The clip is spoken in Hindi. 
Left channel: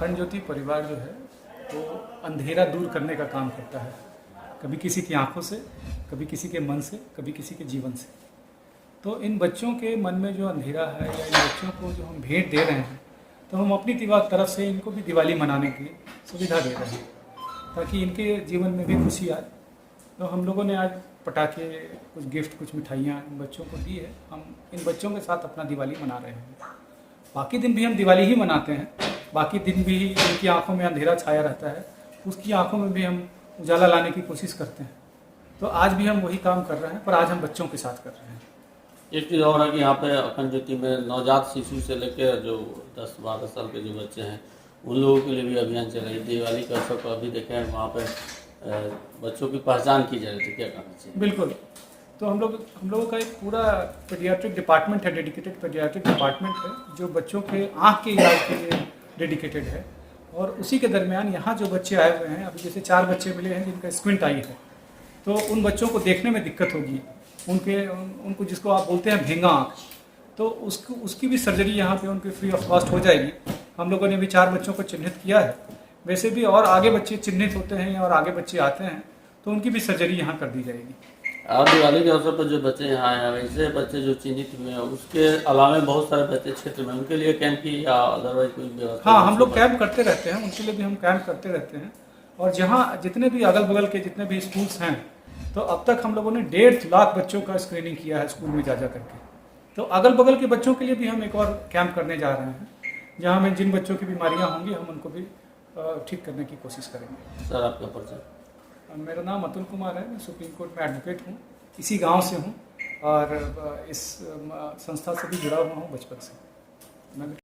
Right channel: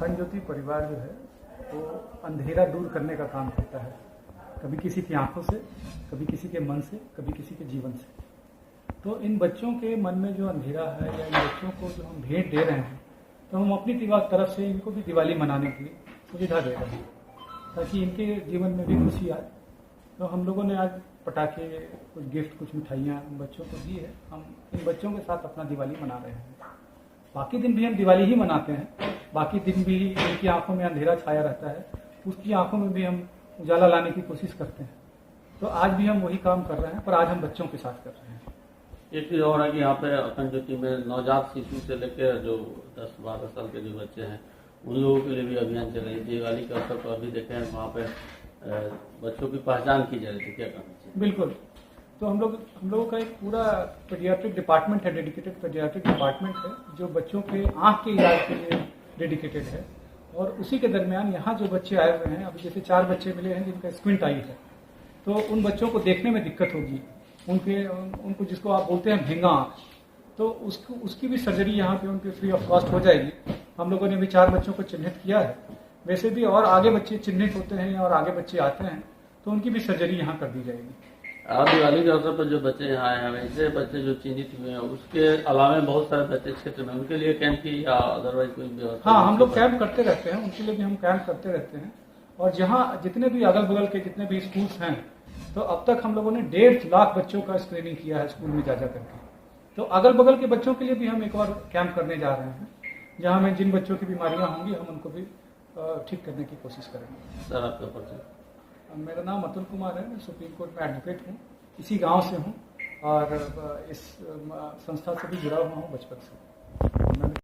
अखंड ज्योति परिवार जो है वो अंधेरा दूर करने का काम करता है, कभी किसी की आंखों से, कभी किसी के मन से, कभी किसी के जीवन से। तो इन बच्चों के मन में जो अंधेरा है या इन बच्चों को जो हम भेंट दे रहे हैं, तो हम अपनी तरफ से इनको भी दिवाली मनाने की सुविधा दे रहे हैं ताकि इनके जीवन में भी खुशी आए। तो हम लोगों ने आज पटाखे, कुछ गिफ्ट, कुछ मिठाइयाँ इन बच्चों को दी है। हम इन बच्चों के साथ अपना दिवाली मना रहे हैं। बाकी दिन भी हम दिवाली ही मनाते हैं, बाकी दिन भी उनकी आंखों में अंधेरा छाया रहता है, उसकी आंखों में भी हम उजाला लाने की कोशिश करते हैं। तो आज भी हम वही काम कर रहे हैं, पर आज हम बच्चों के साथ कर रहे हैं। एक चीज़ और है कि यहाँ पे अखंड ज्योति में नवजात शिशु से लेकर जो 10-12 साल के जो बच्चे हैं उन लोगों के लिए भी अभियान चल रही है। दिवाली का अवसर पर अभी देखें वहाँ पे बच्चों की पहचान की जा रही थी, क्या कहना चाहिए? बिल्कुल। तो हम लोगों का एक पूरा पेडियाट्रिक डिपार्टमेंट है, डेडिकेटेड पेडियाट्रिक डिपार्टमेंट है जो बच्चों के आँख के इलाज के लिए डेडिकेटेड है। और उसी के दरमियान यहाँ जो बच्चे आए हुए हैं, अभी जैसे 4 बच्चे मिले हैं जिनका स्क्विंट आई है, तो उन बच्चों को देखने में दिक्कत होगी, उनको जिसको आप बोलते हैं भेंगा आँख, तो उसकी भी सर्जरी यहाँ पे उनकी फ्री ऑफ कॉस्ट हो जाएगी। हम लोगों ने भी 4 बच्चों को चिन्हित किया है। वैसे भी और आगे बच्चे चिन्हित होते हैं और आगे बच्चे आते हैं तो उनकी भी सर्जरी यहाँ कर दी जाएगी। और दिवाली के अवसर पर जो बच्चे यहाँ आए हैं, वैसे बच्चे जो चिन्हित हुए हैं उसके अलावा बहुत सारे बच्चे क्षेत्र में, उनके लिए कैंप की या अदरवाइज कोई व्यवस्था? हाँ, हम लोग कैंप करते रहते हैं, उनके लिए भी हम कैंप करते रहते हैं। और जहाँ जितने भी अगल बगल के जितने भी स्कूल्स हैं, तो अब तक हम लोगों ने 1.5 लाख बच्चों का स्क्रीनिंग किया है स्कूल में जा करके। तो अगल बगल के बच्चों के लिए भी हम एक और कैंप करने जा रहे हैं, जहाँ में जिन बच्चों की बीमारियाँ होंगी हम उनको भी ठीक करने की कोशिश करेंगे। सर आपका परिचय? मेरा नाम अतुल कुमार है, मैं सुप्रीम कोर्ट में एडवोकेट हूँ, इसी गांव से हूँ और इस संस्था से भी जुड़ा हुआ हूँ बचपन से। मैंने